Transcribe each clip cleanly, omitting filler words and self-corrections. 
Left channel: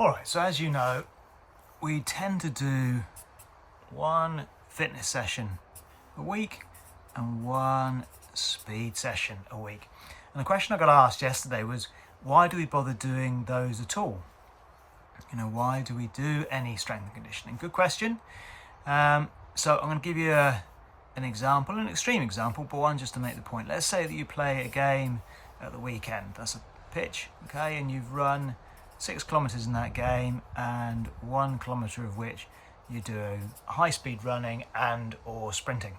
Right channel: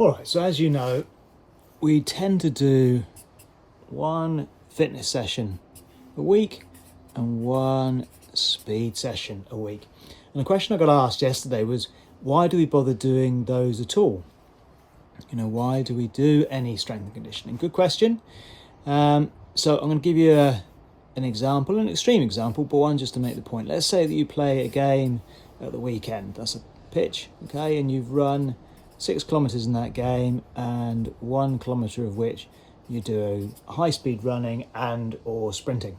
All right, so as you know, we tend to do one fitness session a week and one speed session a week. And the question I got asked yesterday was, why do we bother doing those at all? You know, why do we do any strength and conditioning? Good question. So I'm going to give you an example, an extreme example, but one just to make the point. Let's say that you play a game at the weekend. That's a pitch, okay, and you've run 6 kilometers in that game, and 1 kilometer of which you do high speed running and or sprinting,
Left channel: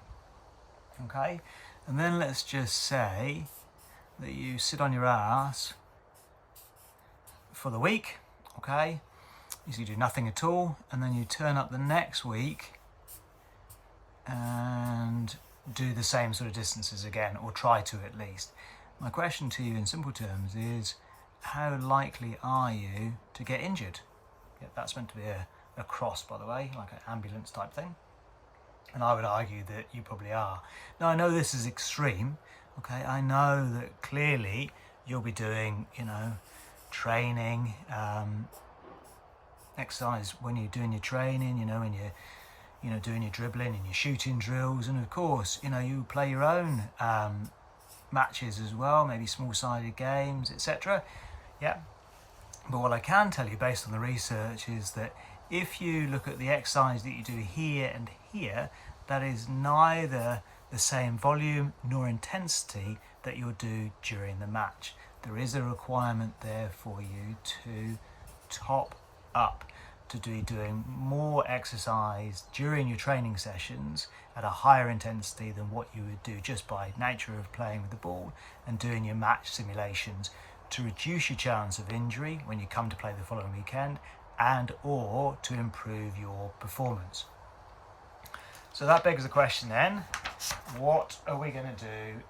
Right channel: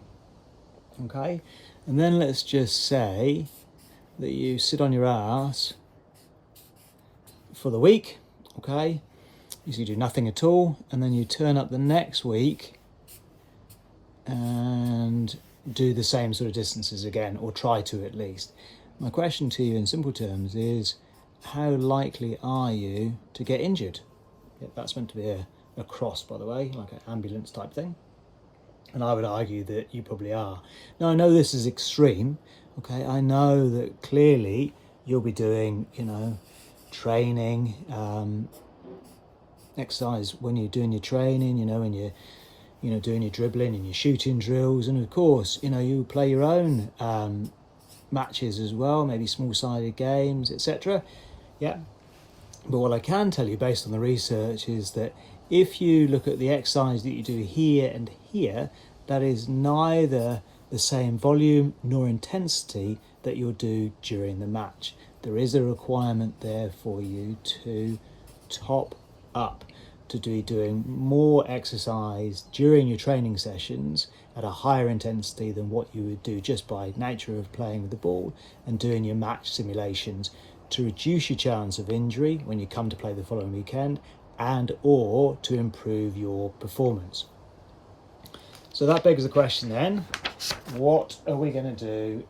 okay. And then let's just say that you sit on your ass for the week, okay. You do nothing at all, and then you turn up the next week and do the same sort of distances again, or try to at least. My question to you in simple terms is, how likely are you to get injured? Yeah, that's meant to be a cross, by the way, like an ambulance type thing. And I would argue that you probably are. Now, I know this is extreme, okay? I know that clearly you'll be doing, training, exercise when you're doing your training, when you're doing your dribbling and your shooting drills. And of course, you play your own matches as well, maybe small-sided games, etc. Yeah. But what I can tell you based on the research is that if you look at the exercise that you do here and here, that is neither the same volume nor intensity that you'll do during the match. There is a requirement there for you to top up, to be doing more exercise during your training sessions at a higher intensity than what you would do just by nature of playing with the ball and doing your match simulations, to reduce your chance of injury when you come to play the following weekend, and or to improve your performance. So that begs the question then, what are we going to do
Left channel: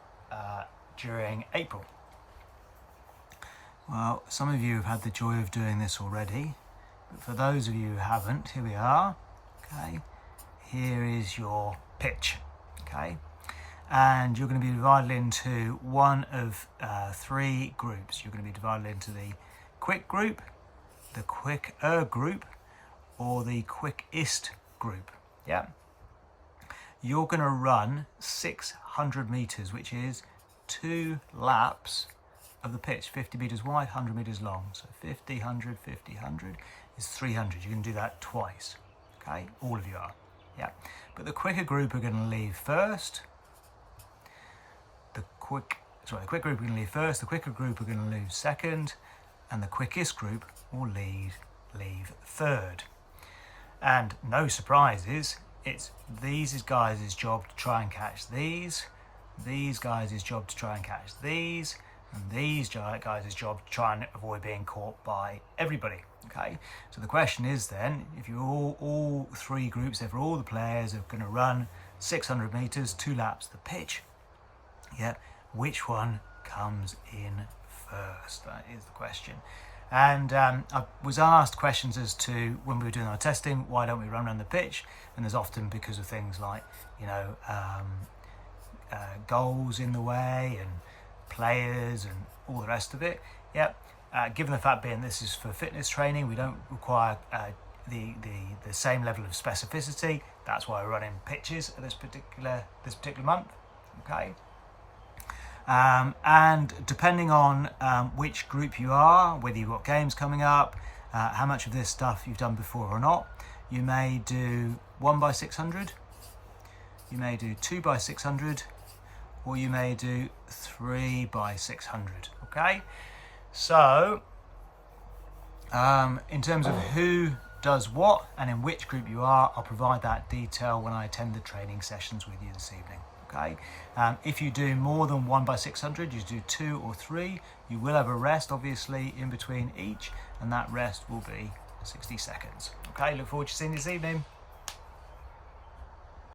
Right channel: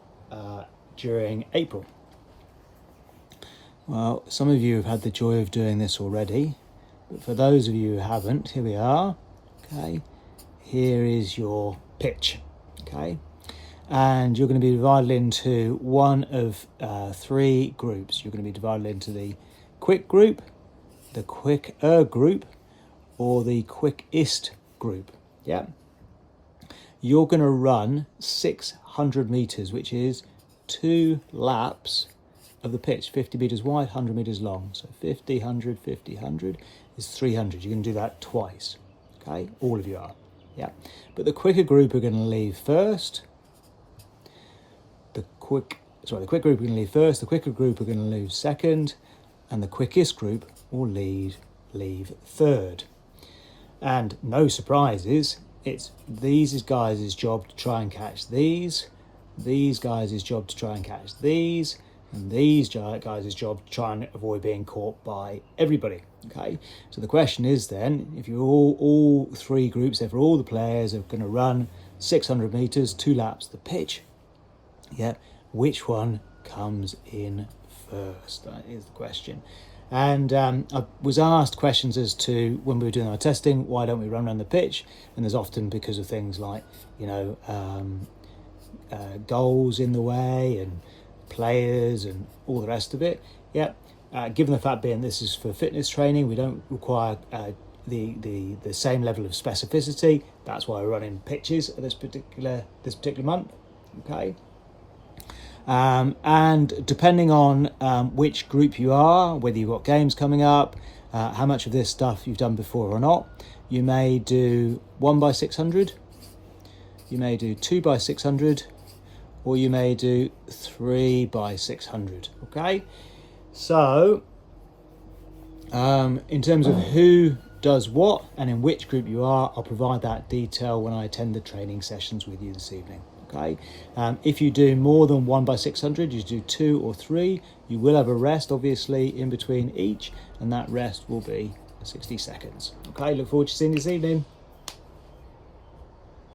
during April? Well, some of you have had the joy of doing this already, but for those of you who haven't, here we are. Okay, here is your pitch. Okay, and you're going to be divided into one of 3 groups. You're going to be divided into the quick group, the quicker group, or the quickest group. Yeah. You're going to run 600 meters, which is 2 laps of the pitch, 50 meters wide, 100 meters long. So 50, 100, 50, 100 is 300. You can do that twice. Okay, all of you are. Yeah. But the quicker group are going to leave first. The quick group are going to leave first. The quicker group are going to leave second, and the quickest group will leave third. And no surprises. It's these guys' job to try and catch these guys' job to try and catch these, and these guys' job to try and avoid being caught by everybody. Okay, so the question is then, if you're all 3 groups, therefore all the players are going to run 600 meters, 2 laps the pitch, yeah, which one comes in first? That is the question. And I was asked questions as to, when we were doing our testing, why don't we run around the pitch? And there's often because of things like, goals in the way and players and all the rest of it. Yeah. Given the fact being this is for fitness training, we don't require the same level of specificity. That's why we're running pitches at this particular month. Okay. And depending on which group you are, whether you've got games coming up, how much of this stuff you've done before or not, you may do 1 by 600, you may do 2 by 600, or you may do 3 by 600. Okay, so in terms of who does what and in which group you are, I'll provide that detail when I attend the training sessions with you this evening. Okay. If you do more than 1 by 600, you do 2 or 3, you will have a rest obviously in between each, and that rest will be 60 seconds. Okay, look forward to seeing you this evening.